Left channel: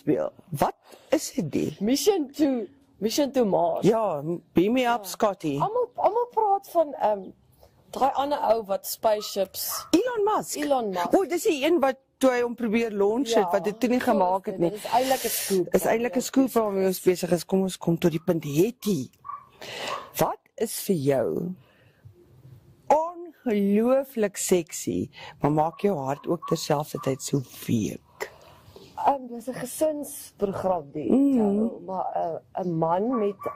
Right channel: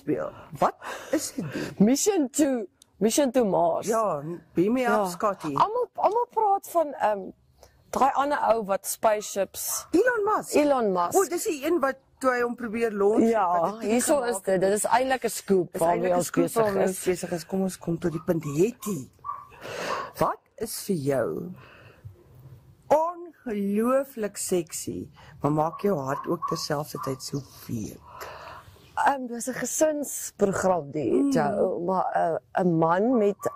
uitspeel. Wat is dit die? Mission to Mars. Ja, beam me up, Scotty. Almal praat van daai ander ou wat spaceships. Elon Musk. O, dis die een wat toe hy hom probeer launch het, wat dit toe nie gemaak het. Dit is eintlik 'n scoop. Dis eintlik 'n scoop waarmee ons besig is. Kom ons kom tot die punt. Hetty, wat is vir jou ongelooflik sexy, maar maak jou hart ook terselfdertyd so week? Dis 'n gesinsprogram die Joe, maar 'n man met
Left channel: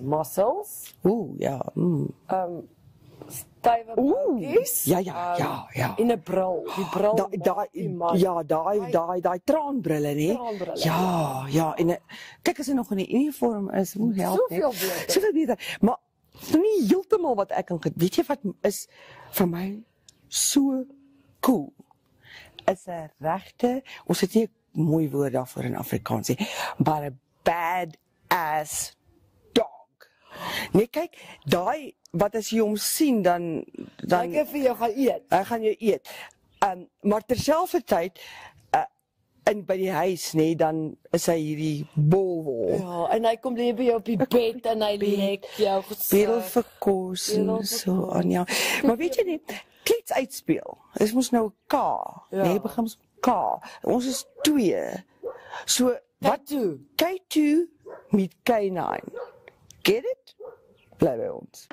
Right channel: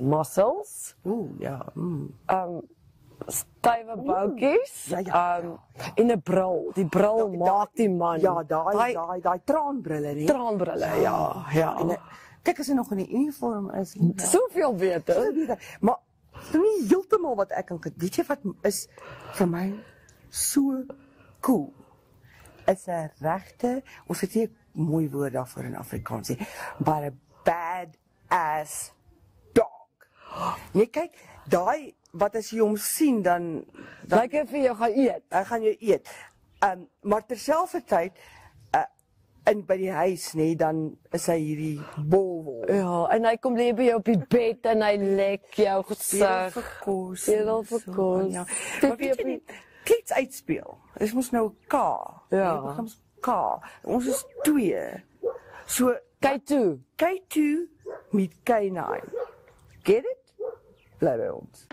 muscles. Ja. Stywe boutjies. Ja. En 'n bril. Die bril maak die man. Ja, daai traanbrille, nee. Traanbrille, ja. En kyk as hy nog in die uniform is, hoe soveel beter. Maar nie heeltemal wat ek kan weet jy wat is vir my so cool. Is 'n regte, ons het nie 'n mooi woord daarvoor in Afrikaans nie, but 'n badass dog. Nee, kyk, daai wat as jy hom sien dan ek vir jou gaan eet. Hy gaan jou eet. Maar terselfdertyd in by die huis, nee, dan is hy hierdie bolwol. Ja, en hy kom lê by jou op die bed en hy lek jou gesig. Vir kos en so aan jou. Maar weet jy nie, klets uitspeel. Dis mos nou K. Nee, begin ons K. Ons is 2. So K2 met K9. Get it? Bly by ons.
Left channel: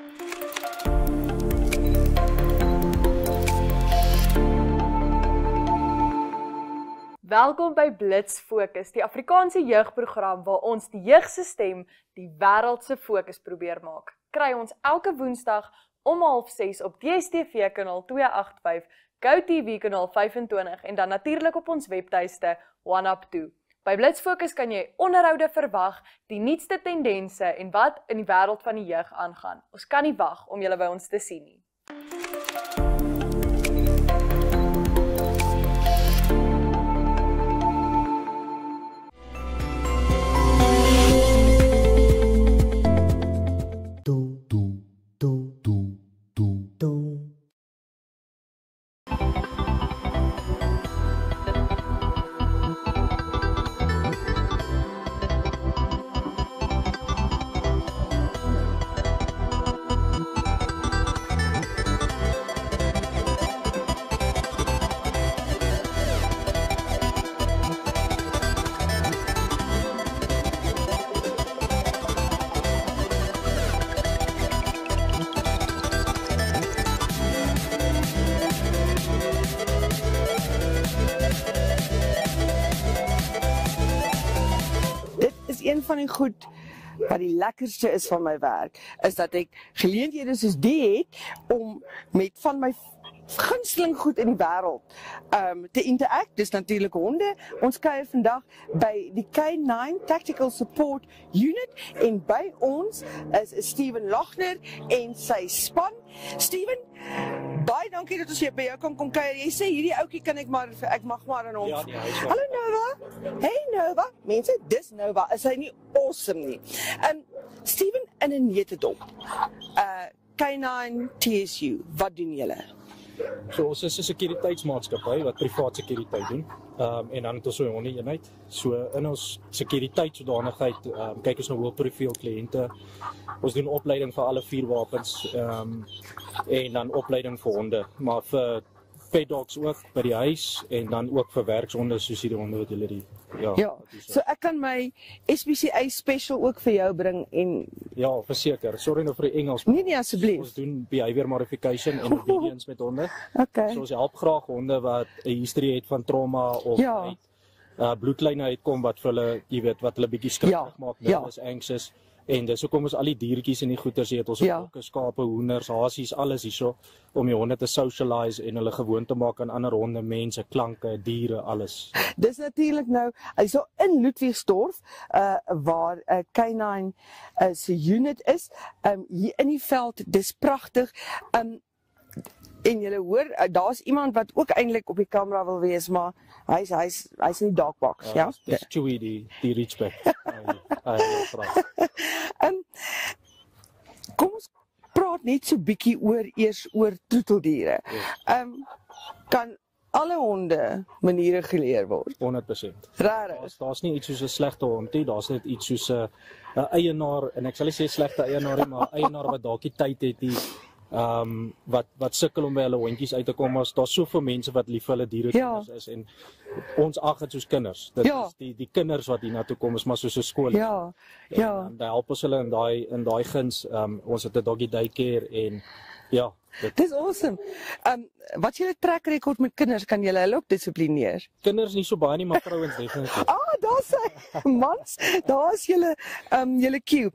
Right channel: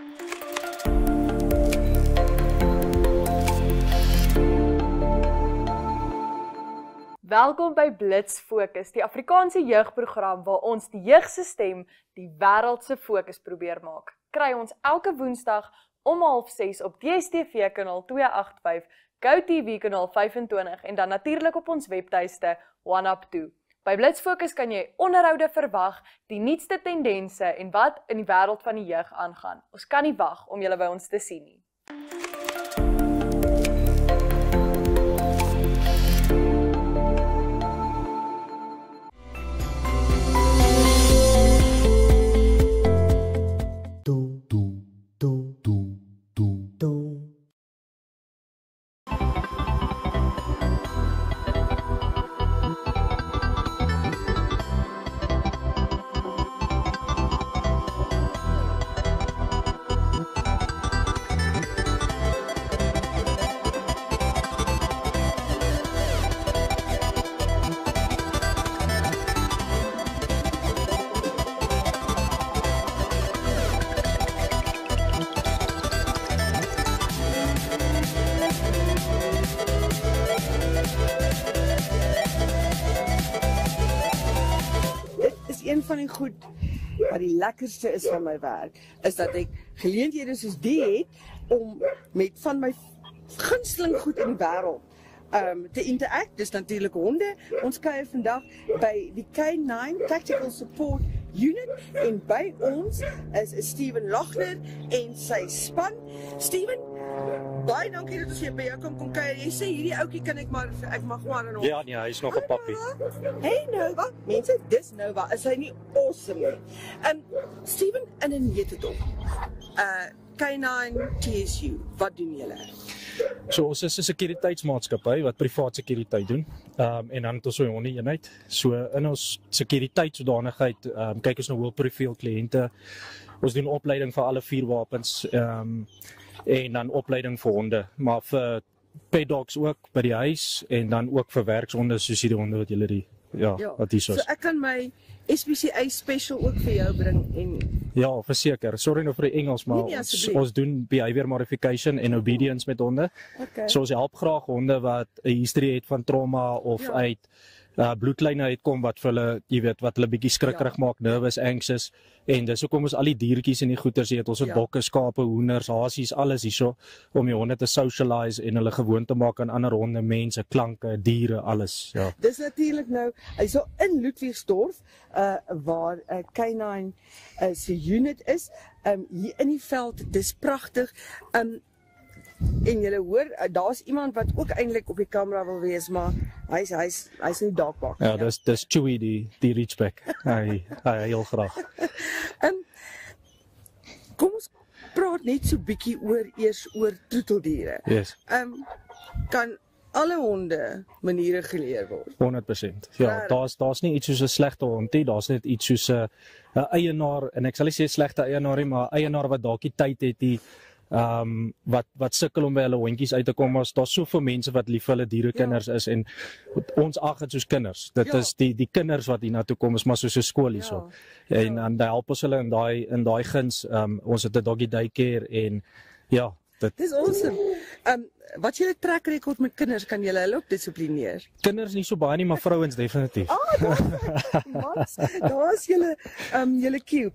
Welkom by Blitz Fokus, die Afrikaanse jeugprogram waar ons die jeug se stem die wêreld se fokus probeer maak. Kry ons elke Woensdag om 6:30 op DStv kanaal 285, GoTV kanaal 25 en dan natuurlik op ons webtuiste OneUp2. By Blitz Fokus kan jy onderhoude verwag, die nuutste tendense en wat in die wêreld van die jeug aangaan. Ons kan nie wag om julle by ons te sien nie. Van die goed wat die lekkerste is van my werk, is dat ek geleenthede soos die het om met van my gunsteling goed in die wêreld te interact. Dis natuurlik honde. Ons kuier vandag by die K9 Tactical Support Unit en by ons is Steven Lochner en sy span. Steven, baie dankie dat ons hier by jou kom kuier. Jy sê hierdie ouetjie kan ek mag maar in hom. Ja, hy is wel pappie. Hey Nova, mense, dis Nova. Is hy nie awesome nie? Steven, in 'n netedop. K9 TSU, wat doen julle? So ons is 'n sekuriteitsmaatskappy wat privaat sekuriteit doen. En dan het ons so 'n honde-eenheid. So in ons sekuriteitssodanigheid kyk ons na hoë profiel kliënte. Ons doen opleiding vir alle vuurwapens en dan opleiding vir honde, maar vir pet dogs ook by die huis en dan ook vir werkshonde soos hierdie honde wat julle wat hier is. So ek kan my SPCA special ook vir jou bring en ja, verseker. Sorry nou vir die Engels, maar ons doen behavior modification en obedience met honde. Okay. So ons help graag honde wat 'n history het van trauma of uit bloedlyne uitkom wat vir hulle, jy weet, wat hulle bietjie skrikkerig maak, nervous, anxious. En dis hoekom ons al die diertjies en die goeters het, ons bokke, skape, hoenders, hasies, alles hierso om die honde te socialize en hulle gewoon te maak aan ander honde, mense, klanke, diere, alles. Ja. Dis natuurlik nou, hyso in Ludwigsdorf waar K9 se unit is, hier in die veld, dis pragtig. En julle hoor, daar's iemand wat ook eintlik op die kamera wil wees, maar hy's nie dalkbak. Ja, dis Chewy die reachback. Hy heel graag. Kom ons praat net so bietjie eers oor troeteldiere. Yes. alle honde maniere geleer word. 100%. Ja, Regtig? daar's nie iets soos 'n slegte hond nie, daar's net iets soos 'n eienaar, en ek sal nie sê slegte eienaar nie, maar eienaar wat dalk die tyd het die wat sukkel om by hulle hondjies uit te kom. Daar's soveel mense wat lief vir hulle dierekinders is, en ons ag dit soos kinders. Dit is die kinders wat hier na toe kom, is maar soos 'n skool hierso. En dan help ons hulle in daai guns. Ons het 'n doggy daycare, en ja, Dis awesome. Wat is julle track record met kinders? Kan julle hulle ook dissiplineer? kinders nie so baie nie, maar vrouens definitief. Daar's hy. Mans, daar's julle cue.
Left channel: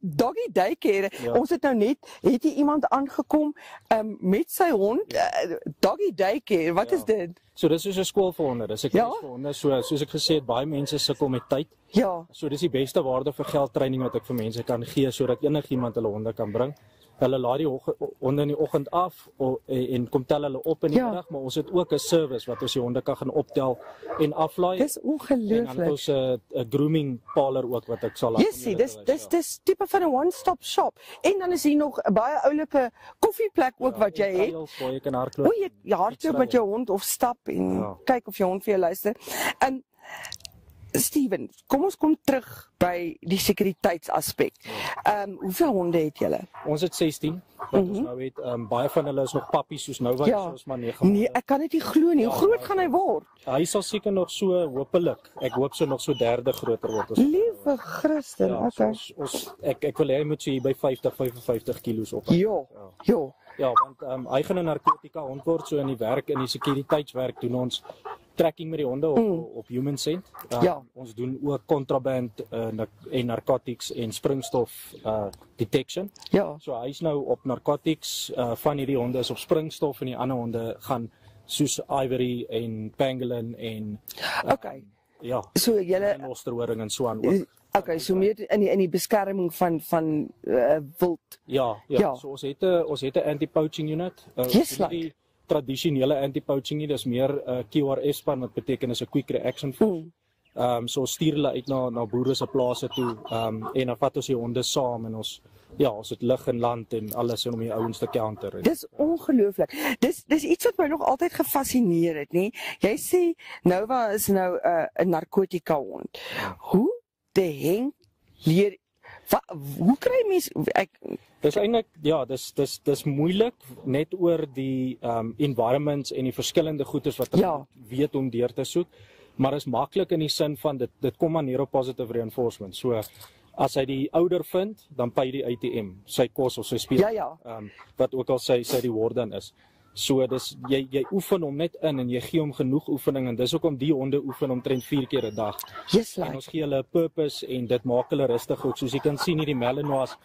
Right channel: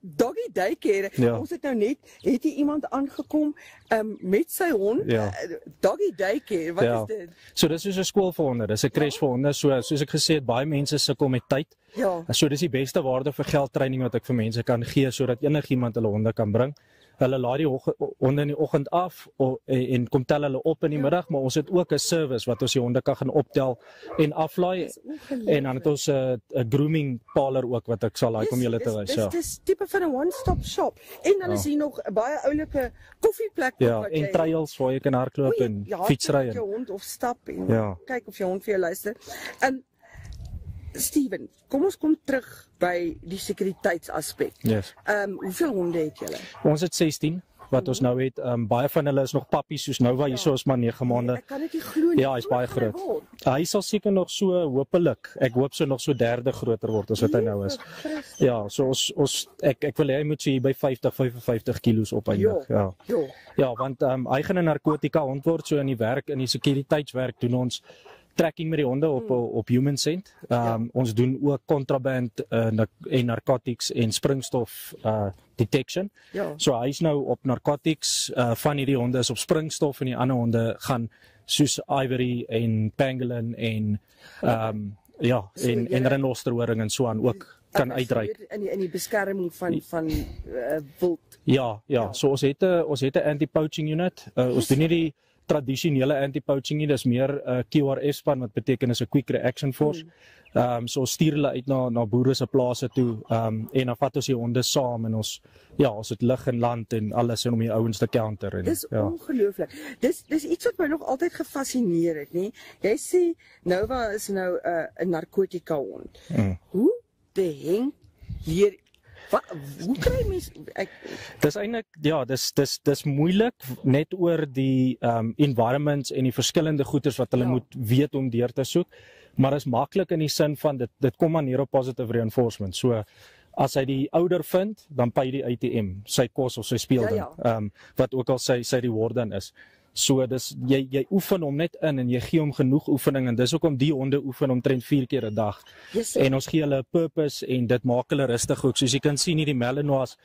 Doggy daycare. Ja. Ons het nou net hier iemand aangekom met sy hond. Ja. Doggy daycare. Wat is dit? So dis soos 'n skool vir honde, dis 'n crash vir honde. Soos ek gesê het, baie mense sukkel met tyd. Ja. So dis die beste waarde vir geld training wat ek vir mense kan gee, sodat enigiemand hulle honde kan bring. Hulle laai die honde in die oggend af en kom tel hulle op in die middag, maar ons het ook 'n service wat ons die honde kan gaan optel en aflaai. Dis ongelooflik. En dan het ons 'n grooming parlor ook wat ek sal laat om julle te wys. Dis tipe van 'n one-stop shop. En dan is hier nog 'n baie oulike koffieplek ook wat jy en trails waar jy kan hardloop en fietsry met jou hond of stap en kyk of jou hond vir jou luister. Steven, kom ons kom terug by die sekuriteitsaspek. Yes. Hoeveel honde het julle? Ons het 16 wat ons nou het. Baie van hulle is nog pappies, soos nou waar ons maar 9 maande. Nee, ek kan dit nie glo nie. Ja, Hoe groot gaan hy word? Hy sal seker nog so, hopelik. Ek hoop so nog so derde groter word as wat hy nou is. Christus, Ja, so ek wil hy moet so hier by 50-55 kilos op eindig. Ja, want hy gaan 'n narkotika hond word, so in die werk, in die sekuriteitswerk doen ons tracking met die honde op human scent. Ons doen ook contraband en narcotics en springstof detection. So hy is nou op narcotics, van hierdie honde is op springstof en die ander honde gaan soos ivory en pangolin en en renosterhoring en so aan ook kan uitreik. So in die beskerming van wild. Ja, so ons het 'n anti-poaching unit. Ons doen nie die tradisionele anti-poaching nie, dis meer QRF span, wat beteken is 'n quick reaction force. So ons stuur hulle uit na boere se plase toe, en dan vat ons die honde saam en ons het lug en land en alles om die ouens te counter. Dis ongelooflik. Dis iets wat my nog altyd gefascineer het, nê? Jy sê Nova is nou 'n narkotika hond. Hoe de heng leer hoe kry mens dis eintlik dis moeilik net oor die environments en die verskillende goeders wat hulle moet weet om deur te soek, maar is maklik in die sin van dit kom aan neer op positive reinforcement. So as hy die ouder vind, dan pay die ATM, sy kos of sy speelding, wat ook al sy reward dan is. So dis jy oefen hom net in en jy gee hom genoeg oefening, en dis hoekom die honde oefen omtrent 4 keer 'n dag. En ons gee hulle 'n purpose en dit maak hulle rustig ook. Soos jy kan sien hierdie Malinois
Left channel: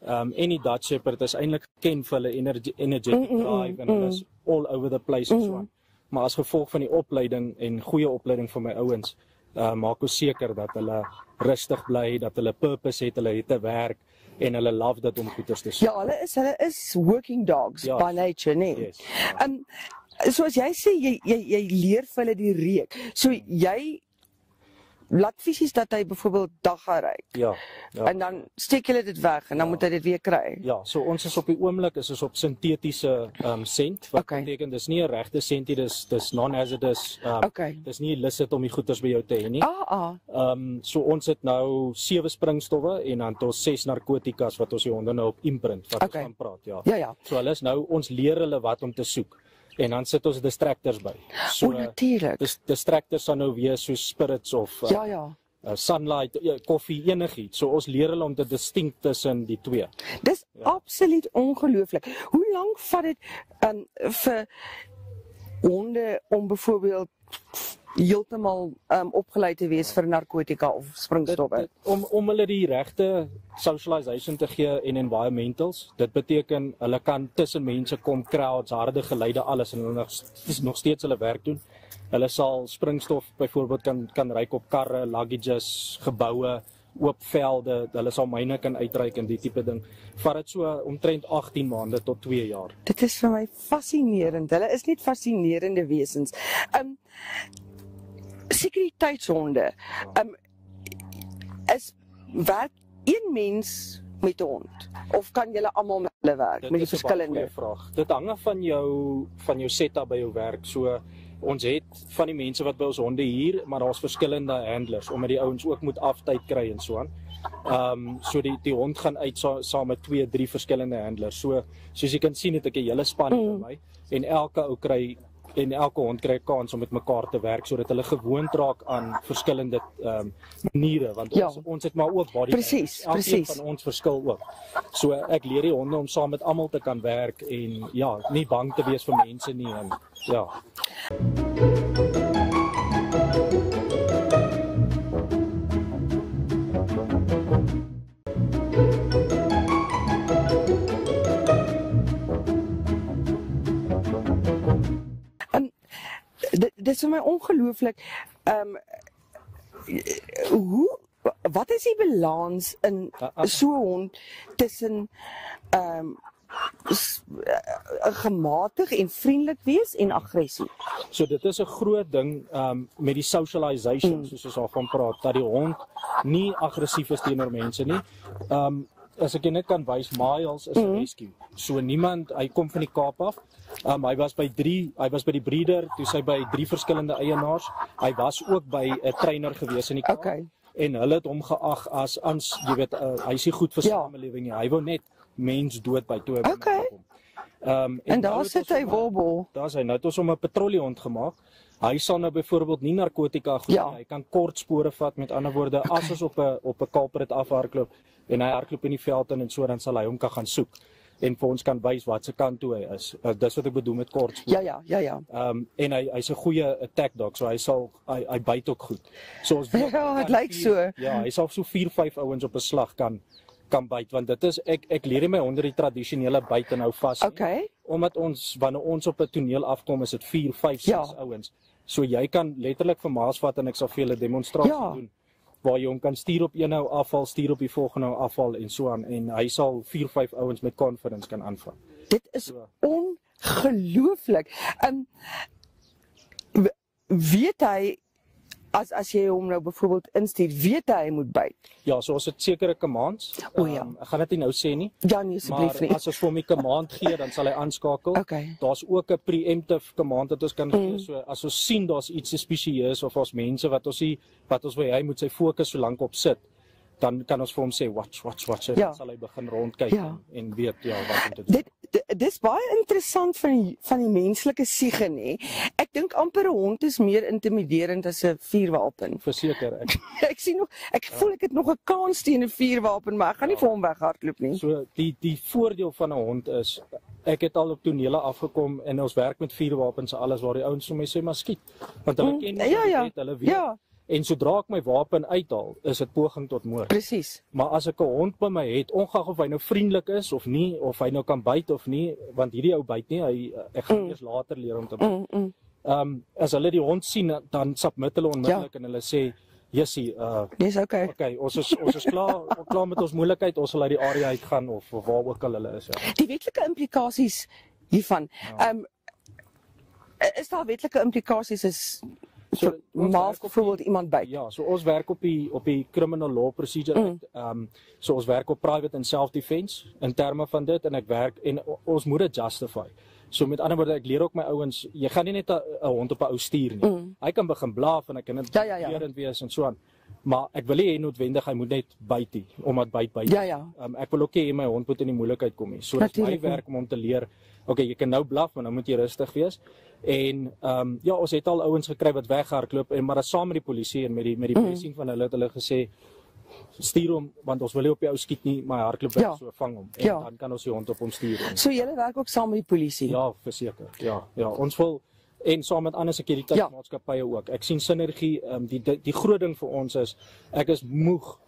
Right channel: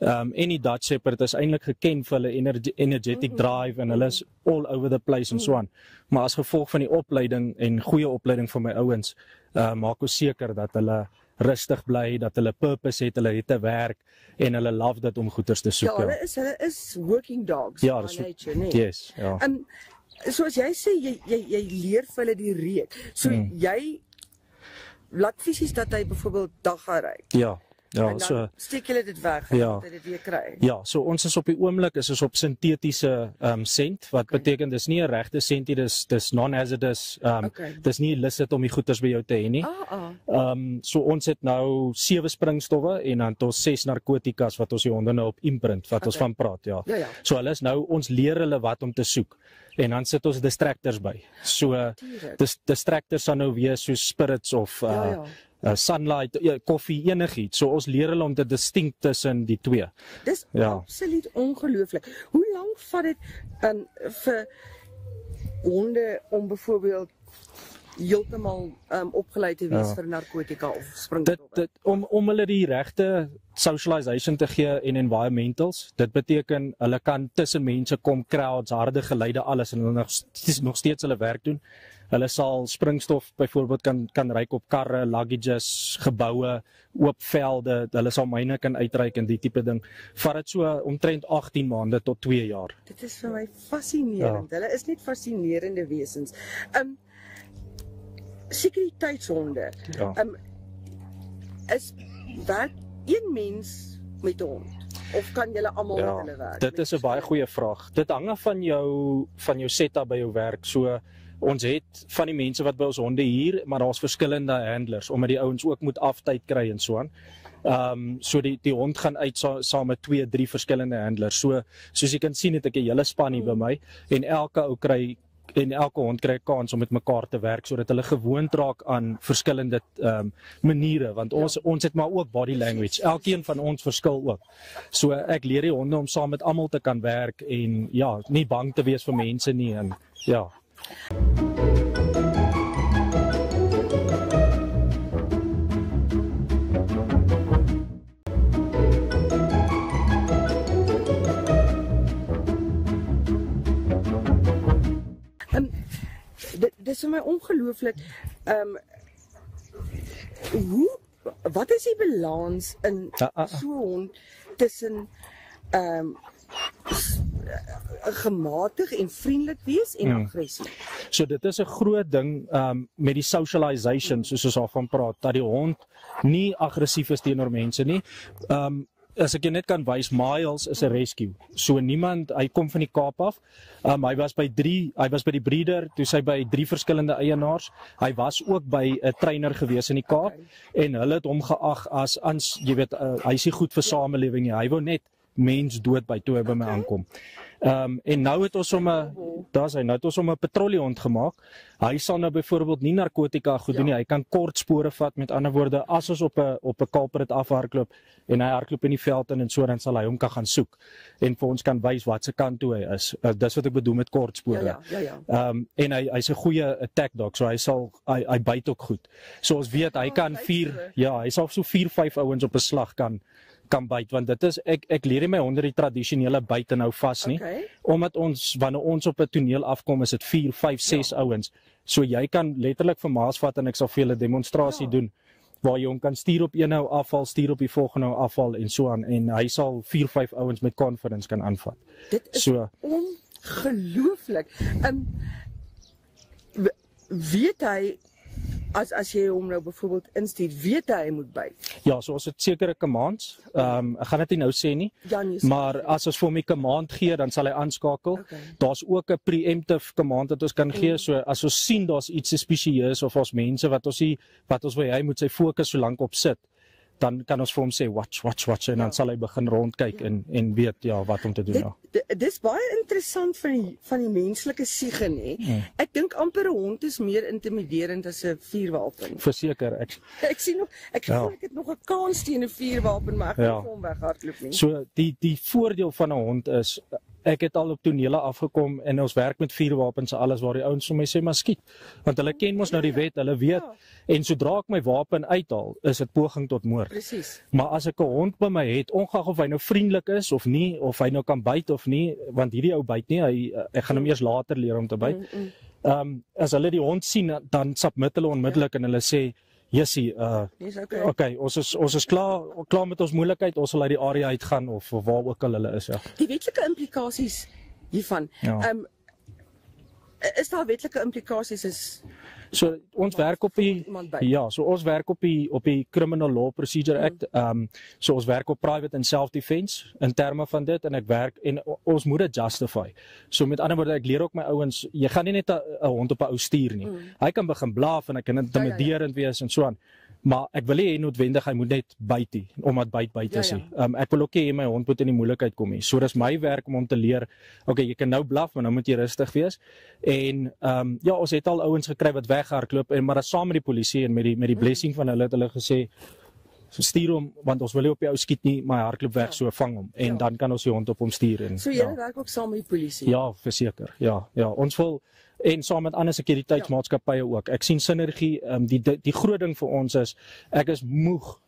en die Dutch Shepherd is eintlik geken vir hulle energetic drive en hulle is all over the place en so aan. Maar as gevolg van die opleiding en goeie opleiding van my ouens, maak ons seker dat hulle rustig bly, dat hulle purpose het, hulle het 'n werk en hulle love dit om goeders te soek. Ja, hulle is working dogs by nature, nee. Yes. Soos jy sê, jy leer vir hulle die reuk. So jy laat fisies dat hy byvoorbeeld dag gaan ry. Ja, en dan steek hulle dit weg en dan moet hy dit weer kry. Ja, so ons is op die oomblik is op sintetiese scent, wat beteken dis nie 'n regte scent nie, dis non-hazardous. Dis nie illicit om die goeders by jou te hê nie. So ons het nou 7 springstowwe en dan tot 6 narkotikas wat ons die honde nou op imprint wat ons van praat, So hulle is nou, ons leer hulle wat om te soek. En dan sit ons distractors by. So distractors sal nou wees soos spirits of sunlight, koffie, enigiets. So ons leer hulle om te distinct tussen die twee. Dis absoluut ongelooflik. Hoe lank vat dit vir honde om byvoorbeeld heeltemal opgeleid te wees vir narkotika of springstowwe? Om hulle die regte socialization te gee en environmentals, dit beteken hulle kan tussen mense kom, crowds, harde geluide, alles, en hulle nog steeds hulle werk doen. Hulle sal springstof byvoorbeeld kan ryk op karre, luggages, geboue, oop velde, hulle sal myne kan uitreik en die tipe ding. Vat dit so omtrent 18 maande tot 2 jaar. Dit is vir my fascinerend. Hulle is net fascinerende wesens. Sekuriteitshonde. Werk een mens met 'n hond? Of kan julle almal met hulle werk? Dit is 'n baie goeie vraag. Dit hang af van jou setup by jou werk. So ons het van die mense wat by ons honde hier, maar daar's verskillende handlers omdat die ouens ook moet aftyd kry en so aan. So die hond gaan uit saam met 2, 3 verskillende handlers. So soos jy kan sien het ek 'n hele span hier by my en elke hond kry 'n kans om met mekaar te werk sodat hulle gewoond raak aan verskillende maniere want ons het maar ook body language. Elkeen van ons verskil ook. So ek leer die honde om saam met almal te kan werk en ja, nie bang te wees vir mense nie en ja. Dit is vir my ongelooflik. Wat is die balans in so 'n hond tussen gematig en vriendelik wees en aggressie? So dit is 'n groot ding met die socialization soos ons al van praat dat die hond nie aggressief is teenoor mense nie. As ek jou net kan wys, Miles is 'n rescue. So niemand, hy kom van die Kaap af. Hy was by die breeder, toe hy by 3 verskillende eienaars. Hy was ook by 'n trainer gewees in die Kaap en hulle het hom geag as jy weet, hy is nie goed vir samelewing nie. Hy wou net mens dood by toe hy by my aankom. En nou het ons hom 'n patrouillehond gemaak. Hy sal nou byvoorbeeld nie narkotika goed doen nie. Hy kan kort spore vat, met ander woorde, as ons op 'n culprit afhardloop en hy hardloop in die veld in en so, dan sal hy hom kan gaan soek en vir ons kan wys wat se kant toe hy is. Dis wat ek bedoel met kort spore. En hy's 'n goeie attack dog, so hy byt ook goed. So ons weet hy kan hy sal so 4, 5 ouens op 'n slag kan byt, want dit is ek leer nie my honde die tradisionele byt en hou vas nie. Omdat wanneer ons op 'n toneel afkom, is dit 4, 5, 6 ouens. So jy kan letterlik vir maas vat en ek sal vir julle demonstrasie doen waar jy hom kan stuur op een nou afval, stuur op die volgende nou afval en so aan en hy sal 4, 5 ouens met confidence kan aanvat. Dit is ongelooflik. Weet hy as jy hom nou byvoorbeeld instuur, weet hy moet byt? Ja, so ons het sekere commands. Ek gaan dit nie nou sê nie. Maar as ons vir hom 'n command gee, dan sal hy aanskakel. Daar's ook 'n preemptive command wat ons kan gee. So as ons sien daar's iets spesieus of ons mense wat ons wil hy moet sy fokus so lank op sit, dan kan ons vir hom sê watch en dan sal hy begin rondkyk en weet wat om te doen. Dis baie interessant van die menslike siege nê. Ek dink amper 'n hond is meer intimiderend as 'n vuurwapen. Verseker ek voel ek het nog 'n kans teen 'n vuurwapen, maar ek gaan nie vir hom weghardloop nie. So die voordeel van 'n hond is ek het al op tonele afgekom en ons werk met vuurwapens en alles waar die ouens vir my sê maar skiet, want hulle ken mos nou die wet, hulle weet. En sodra ek my wapen uithaal, is dit poging tot moord. Presies. Maar as ek 'n hond by my het, ongeag of hy nou vriendelik is of nie, of hy nou kan byt of nie, want hierdie ou byt nie, ek gaan hom eers later leer om te byt. As hulle die hond sien, dan submit hulle onmiddellik en hulle sê, Jessie, dis okay, ons is klaar met ons moeilikheid, ons sal uit die area uitgaan of waar ook al hulle is. Die wetlike implikasies hiervan. Is daar wetlike implikasies So ons werk op ons werk op die Criminal Law Procedure Act. So ons werk op private and self-defense in terme van dit en ek werk en ons moet dit justify. So met ander woorde, ek leer ook my ouens, jy gaan nie net 'n hond op 'n ou stuur nie. Hy kan begin blaaf en hy kan intimiderend wees en so aan. Maar ek wil nie noodwendig hy moet net byt nie, omdat byt is nie. Ek wil ook hê my hond moet in die moeilikheid kom nie. So dis my werk om hom te leer, okay, jy kan nou blaf, maar nou moet jy rustig wees. En ons het al ouens gekry wat weghardloop en maar saam met die polisie en met die blessing van hulle het hulle gesê stuur hom, want ons wil nie op die ou skiet nie, maar hy hardloop weg, so vang hom en dan kan ons die hond op hom stuur. So julle werk ook saam met die polisie? Ja, verseker. Ja, ons wil en saam met ander sekuriteitsmaatskappye ook. Ek sien sinergie, die groot ding vir ons is ek is moeg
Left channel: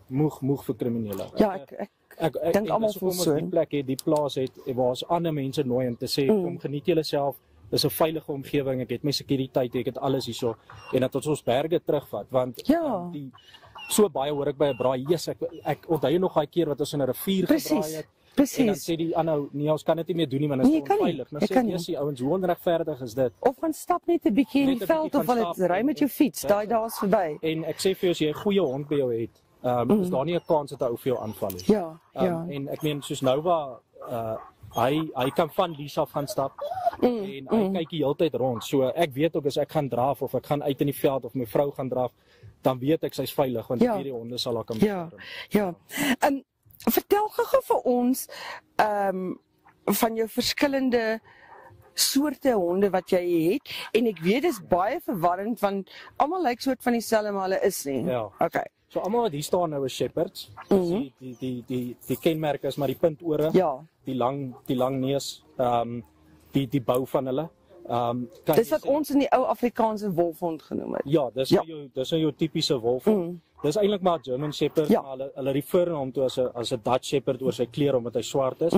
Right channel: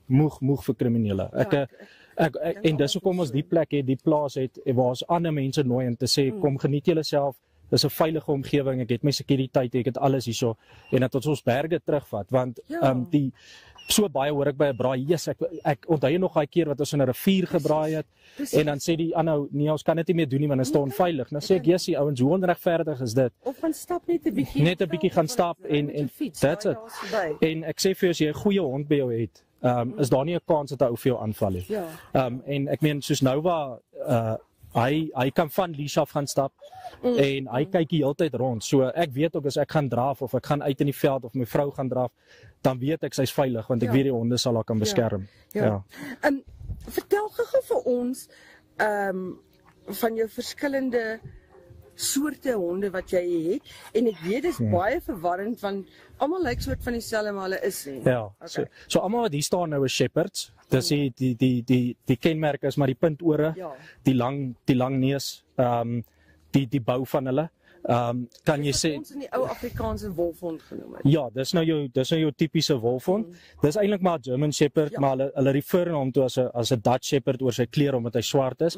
vir kriminele. En dis hoekom ons die plek het, die plaas het waar ons ander mense nooi om te sê kom geniet julle self. Dis 'n veilige omgewing. Ek het my sekuriteit, ek het alles hierso en dat ons berge terugvat want die so baie hoor ek by 'n braai. Ek onthou nog daai keer wat ons in 'n rivier gebraai het. En dan sê die aanhou nee, ons kan dit nie meer doen nie want dit is onveilig. Nou sê ek Jessie, ouens, hoe onregverdig is dit? Of gaan stap net 'n bietjie gaan stap ry met jou fiets, daai daar's verby. En ek sê vir jou as jy 'n goeie hond by jou het, is daar nie 'n kans dat hy ou vir jou aanval nie. En ek meen soos nou waar hy kan van leash af gaan stap en hy kyk die hele tyd rond. So ek weet ook as ek gaan draf of ek gaan uit in die veld of my vrou gaan draf, dan weet ek sy's veilig want ek weet die honde sal haar kan beskerm. Vertel gou vir ons van jou verskillende soorte honde wat jy het, en ek weet dis baie verwarrend want almal lyk soort van dieselfde, maar hulle is nie. Ja. Okay. So almal wat hier staan nou is shepherds. Dis die kenmerk is maar die puntore, die lang neus, die bou van hulle. Kan dis jy wat sê ons in die ou Afrikaanse wolfhond genoem het. Ja, dis nou jou tipiese wolfhond. Dis eintlik maar German Shepherd, maar hulle refer na hom toe as 'n Dutch Shepherd oor sy kleur omdat hy swart is.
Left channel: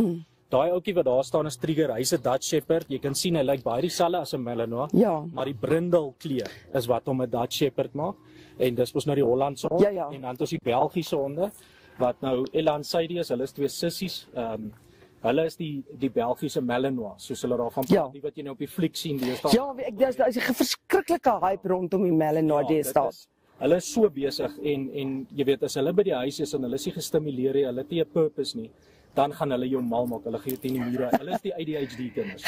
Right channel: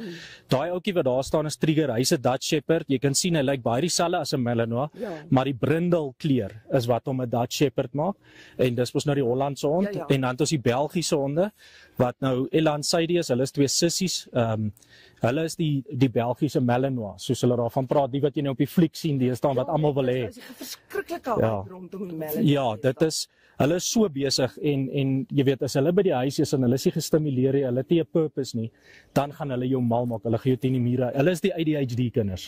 Daai ouetjie wat daar staan is Trigger, hy's 'n Dutch Shepherd. Jy kan sien hy lyk baie dieselfde as 'n Malinois, maar die brindel kleur is wat hom 'n Dutch Shepherd maak. En dis mos nou die Hollandse hond en dan het ons die Belgiese honde wat nou Elan Sadie is, hulle is twee sissies. Hulle is die Belgiese Malinois, soos hulle daarvan praat, die wat jy nou op die fliek sien, die is daar wat almal wil hê. Ja, dis 'n verskriklike hype rondom die Malinois. Ja, dit is hulle is so besig en jy weet as hulle by die huis is en hulle is nie gestimuleer nie, hulle het nie 'n purpose nie, dan gaan hulle jou mal maak. Hulle gee jou teen die mure. Hulle is die ADHD kinders.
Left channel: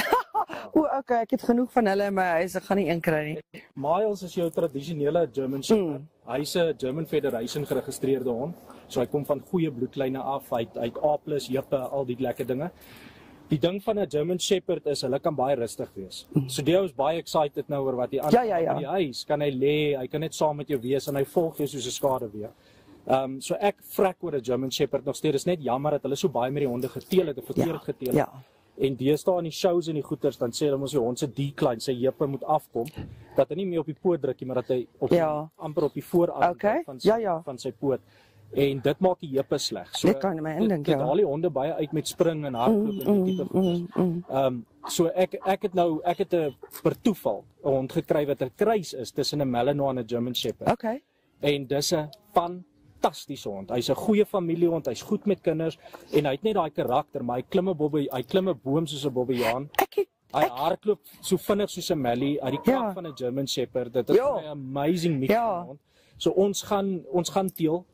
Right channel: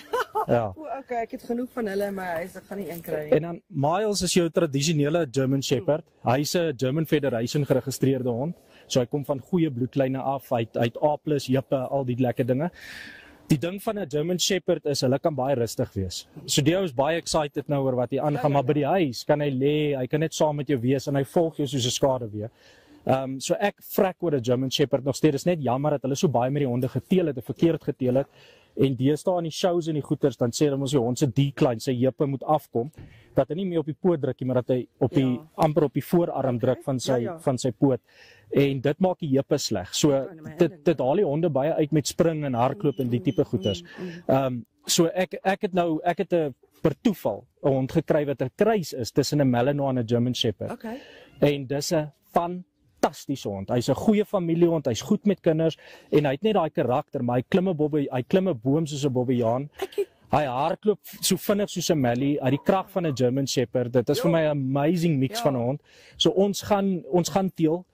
Ja. Okay, ek het genoeg van hulle, maar ek gaan nie een kry nie. En dan Miles is jou tradisionele German Shepherd. Hy's 'n German Federation geregistreerde hond. So hy kom van goeie bloedlyne af. Hy het A+, jippe, al die lekker dinge. Die ding van 'n German Shepherd is hulle kan baie rustig wees. So die ou is baie excited nou oor wat hier aangaan, maar by die huis kan hy lê, hy kan net saam met jou wees en hy volg jou soos 'n skaduwee. So ek vrek oor 'n German Shepherd nog steeds. Dis net jammer dat hulle so baie met die honde geteel het en verkeerd geteel het. En deesdae in die shows en die goeters, dan sê hulle mos die hond se decline, sy heupe moet afkom, dat hy nie meer op die poot druk nie, maar dat hy op die amper op die voorarm druk van sy poot. En dit maak die heupe sleg. So dit haal die honde baie uit met spring en hardloop en die tipe goeters. So ek het 'n per toeval 'n hond gekry wat 'n kruis is tussen 'n Malinois en 'n German Shepherd. En dis 'n fantastiese hond. Hy's 'n goeie familiehond, hy's goed met kinders en hy het net daai karakter, maar hy klim 'n boom soos 'n bobbejaan. Hy hardloop so vinnig soos 'n Mallie, uit die krag van 'n German Shepherd. Dit is vir my 'n amazing mix van 'n hond. So ons gaan teel.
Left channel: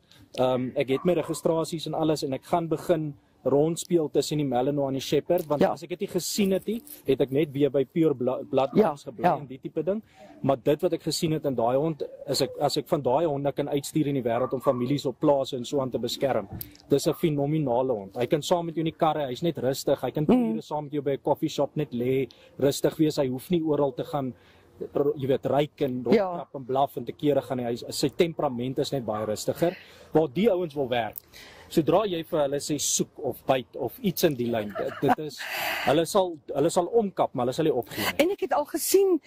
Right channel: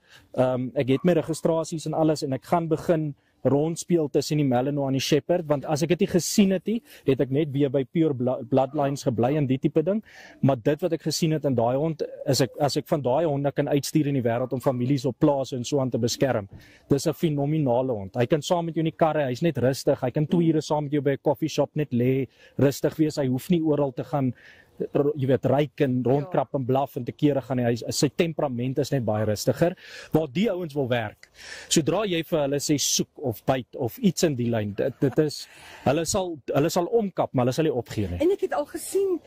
Ek het my registrasies en alles en ek gaan begin rondspeel tussen die Malinois en die Shepherd, want as ek dit nie gesien het nie, het ek net weer by Pure Bloodlines gebly en die tipe ding. Maar dit wat ek gesien het in daai hond, as ek van daai honde kan uitstuur in die wêreld om families op plase en so aan te beskerm. Dis 'n fenominale hond. Hy kan saam met jou in die karre, hy's net rustig. Hy kan 2 ure saam met jou by 'n koffieshop net lê, rustig wees. Hy hoef nie oral te gaan jy weet ryk en rondkrap en blaf en te kere gaan hy sy temperament is net baie rustiger, waar die ouens wil werk. Sodra jy vir hulle sê soek of byt of iets in die lyn, dit is hulle sal omkap, maar hulle sal nie opgee nie. En ek het al gesien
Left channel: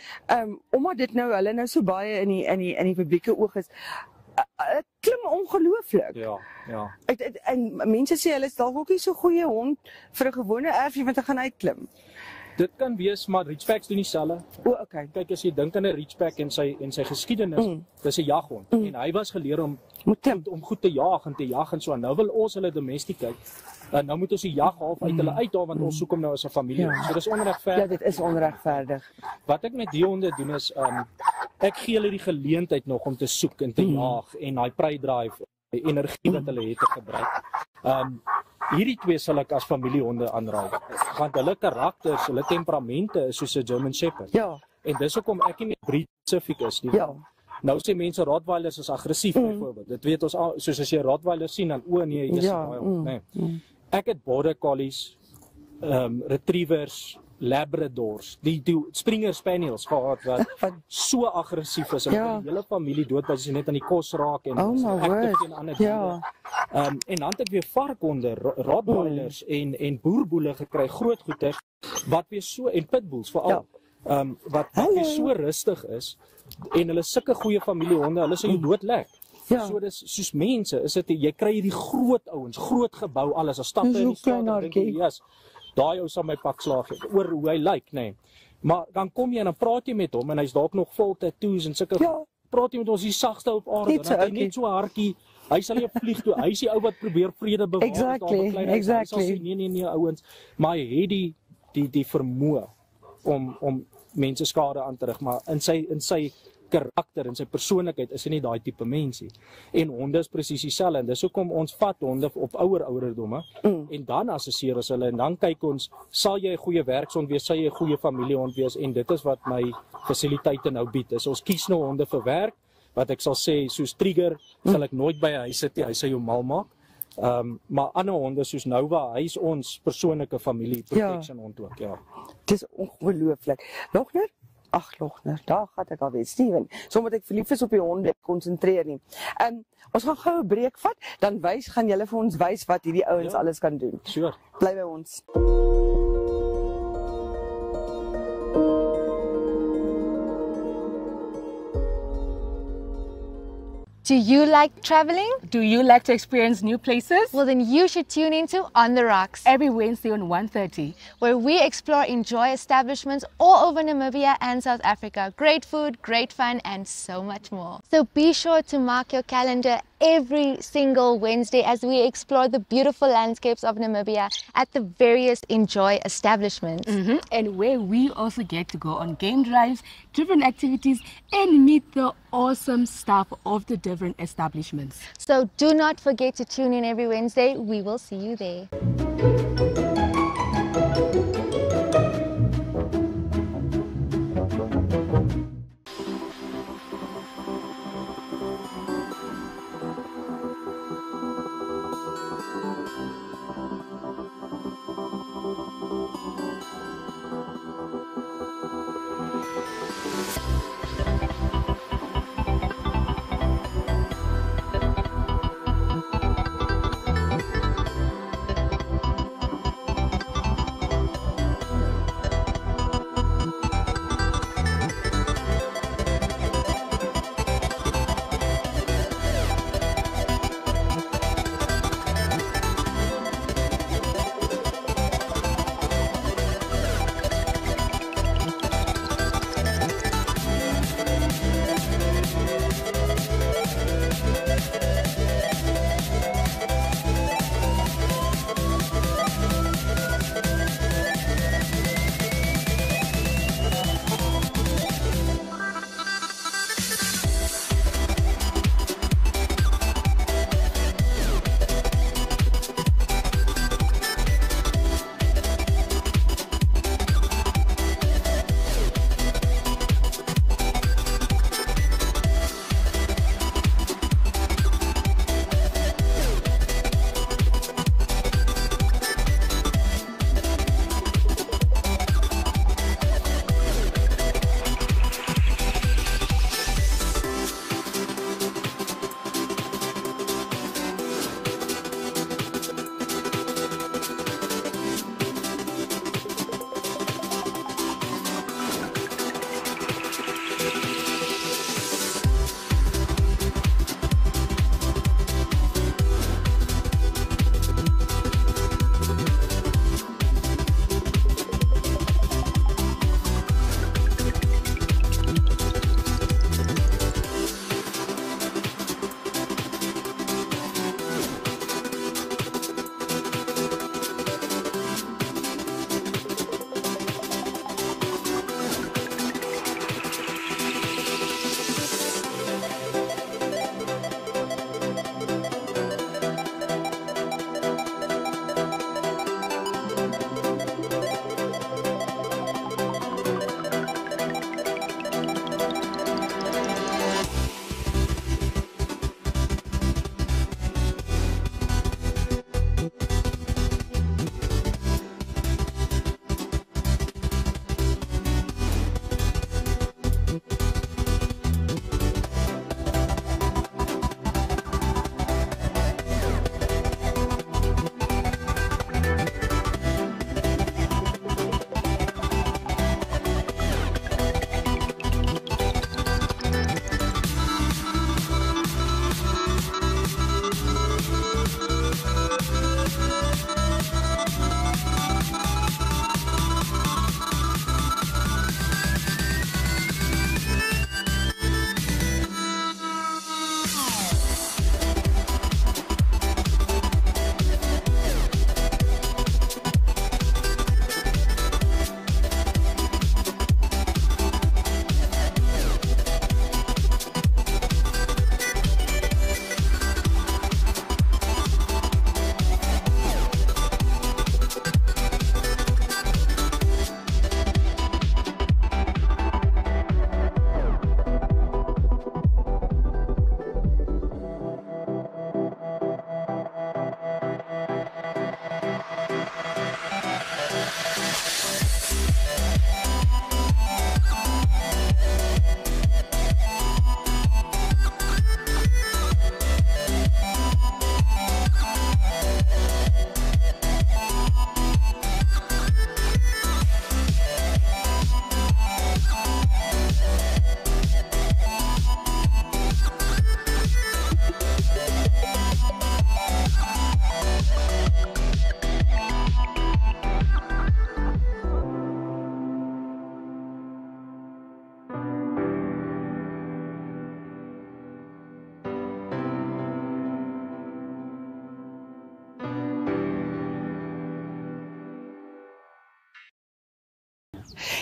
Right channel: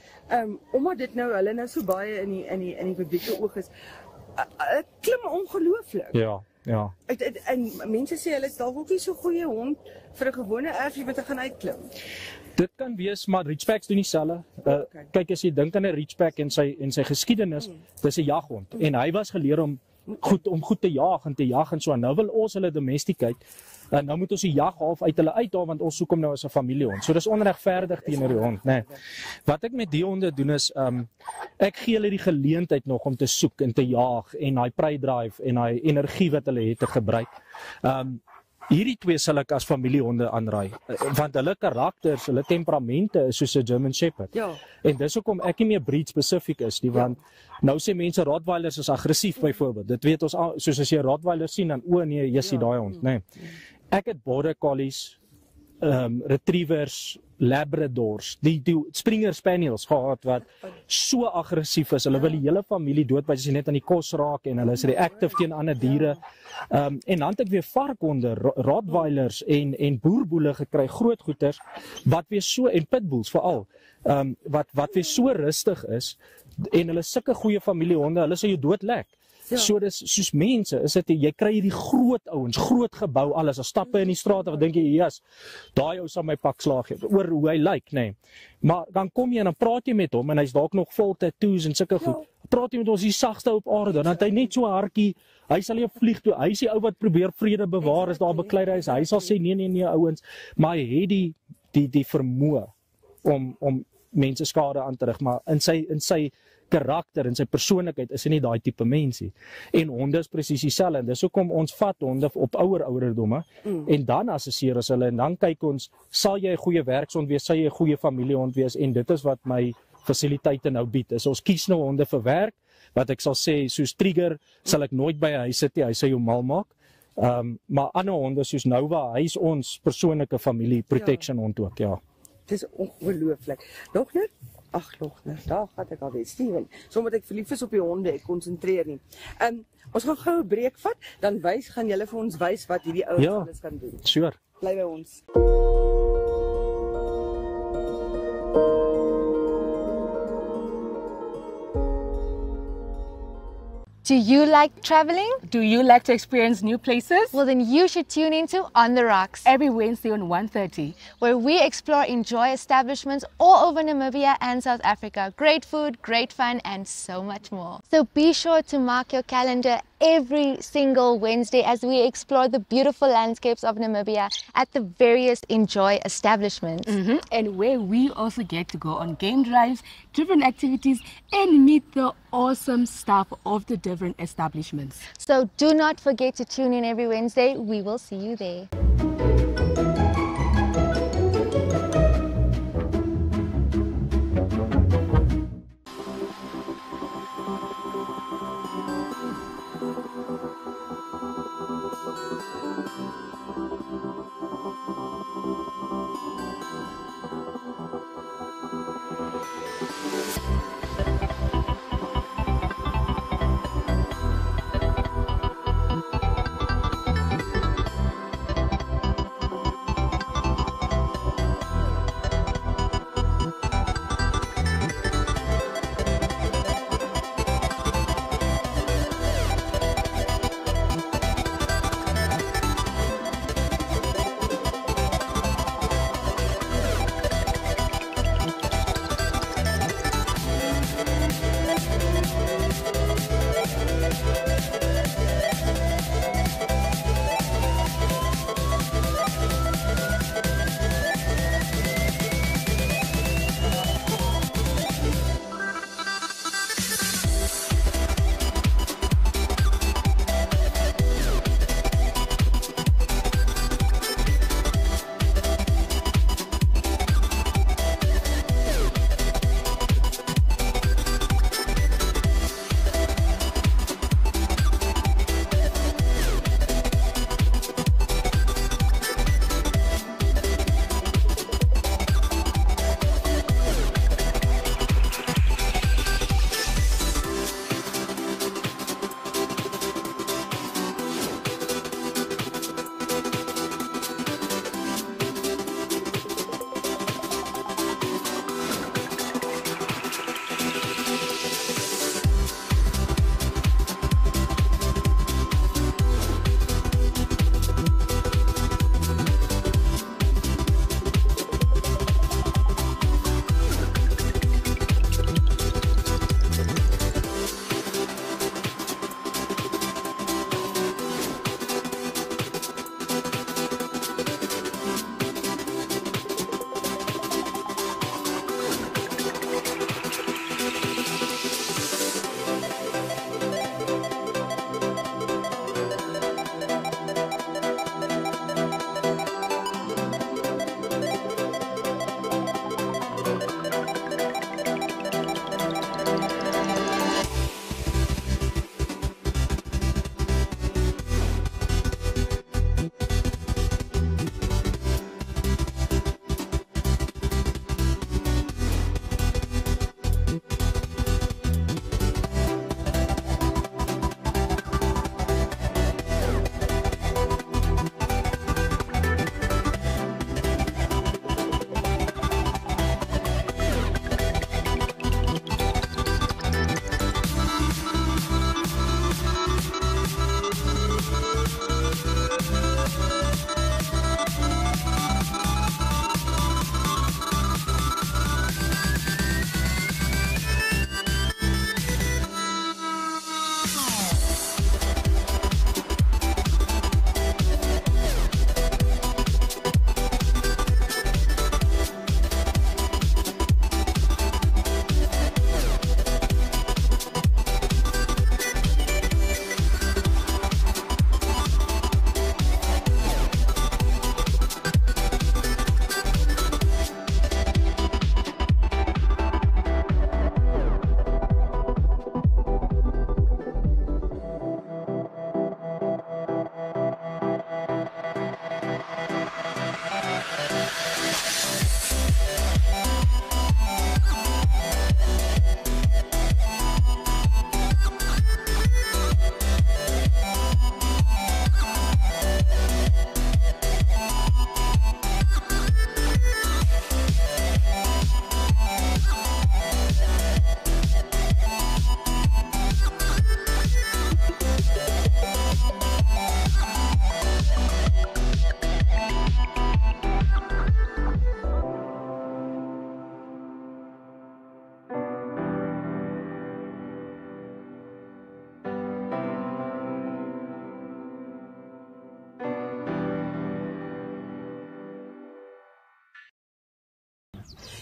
omdat dit nou hulle nou so baie in die publieke oog is, klim ongelooflik. Ja. En mense sê hulle is dalk ook nie so goeie hond vir 'n gewone erfie wat gaan uitklim. Dit kan wees, maar Ridgebacks doen dieselfde. Kyk as jy dink aan 'n Ridgeback en sy geskiedenis, dis 'n jaghond. En hy was geleer om goed te jag en so. Nou wil ons hulle domesticate. En nou moet ons die jag half uit hulle uithaal want ons soek hom nou as 'n familiehond. So dis onregverdig teenoor die hond. Nee. Wat ek met die honde doen is ek gee hulle die geleentheid nog om te soek en te jaag en daai prey drive en daai energie wat hulle het te gebruik. Hierdie twee sal ek as familiehonde aanraai, want hulle karakters, hulle temperamente is soos 'n German Shepherd. En dis hoekom ek nie meer breed spesifiek is nie, want nou sê mense Rottweilers is aggressief byvoorbeeld. Dit weet ons al, soos as jy Rottweiler sien dan nee, jy sien daai hond, nee. Ek het Border Collies, Retrievers, Labradors, die Springer Spaniels gehad wat so aggressief is. Hulle wil die hele familie doodbyt as jy net aan die kos raak en hulle is reactive teen ander diere. En dan het ek weer varkhonde, Rottweilers en boerboele gekry, groot goeters wat weer so en pitbulls veral. Wat weer so rustig is en hulle sulke goeie familiehonde, hulle sê jy doodlek. So dis soos mense, is dit jy kry hierdie groot ouens, groot gebou, alles, as stappe in die straat en dan dink jy, yes, daai ou sal my pak slaag oor hoe hy lyk, nee. Maar dan kom jy en dan praat jy met hom en hy's dalk nog vol tattoos en sulke goed. Praat jy met ons die sagste op aarde, dan het hy net so hartjie, hy sal nie vlieg toe. Hy is die ou wat probeer vrede bewaar as daar beklei is. Hy sal sê nee ouens, maar hy het die vermoë om mense skade aan te rig, maar in sy karakter en sy persoonlikheid is hy nie daai tipe mens nie. En honde is presies dieselfde. Dis hoekom ons vat honde op ouer ouderdomme en dan assesseer ons hulle en dan kyk ons, sal jy 'n goeie werkshond wees, sal jy 'n goeie familiehond wees en dit is wat my fasiliteite nou bied. Is ons kies nou honde vir werk, wat ek sal sê soos Trigger sal ek nooit by 'n huis sit nie, hy sal jou mal maak. Maar ander honde soos Nova, hy is ons persoonlike familie protection hond ook, ja. Dis ongelooflik. Logner? Ag, Logner, daar gaan ek alweer, Steven. Sommige ek verlief is op die honde, ek konsentreer nie. Ons gaan gou 'n breek vat, dan gaan julle vir ons wys wat hierdie ouens alles kan doen. Sure. Bly by ons. Do you like traveling? Do you like to experience new places? Well, then you should tune into On the Rocks, Every Wednesday on 1:30. where we explore enjoy establishments all over Namibia and South Africa. Great food, great fun, and so much more. So be sure to mark your calendar every single Wednesday as we explore the beautiful landscapes of Namibia at the various enjoy establishments. And where we also get to go on game drives, different activities, and meet the awesome staff of the different establishments. So do not forget to tune in every Wednesday. We will see you there.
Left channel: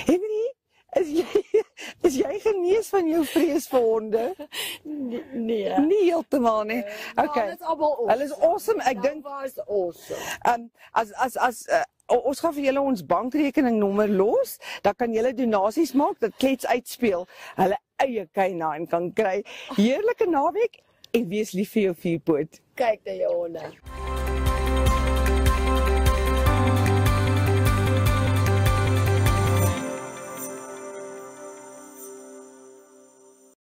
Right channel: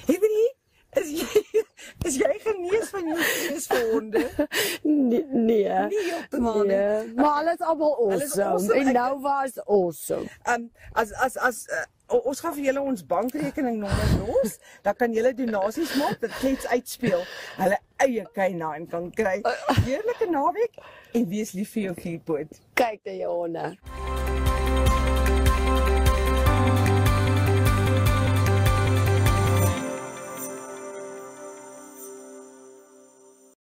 Henry, is jy genees van jou vrees vir honde? Nee. Nie heeltemal nie. Maar Okay. hulle is allemaal Hulle is awesome. awesome. En Ek dink- Nova is awesome. Ons gaan vir julle ons bankrekeningnommer los, dan kan julle donasies maak dat Klets uitspeel. Hulle eie K9 kan kry. Heerlike naweek en wees lief vir jou vuurpoot. Kyk na jou honde.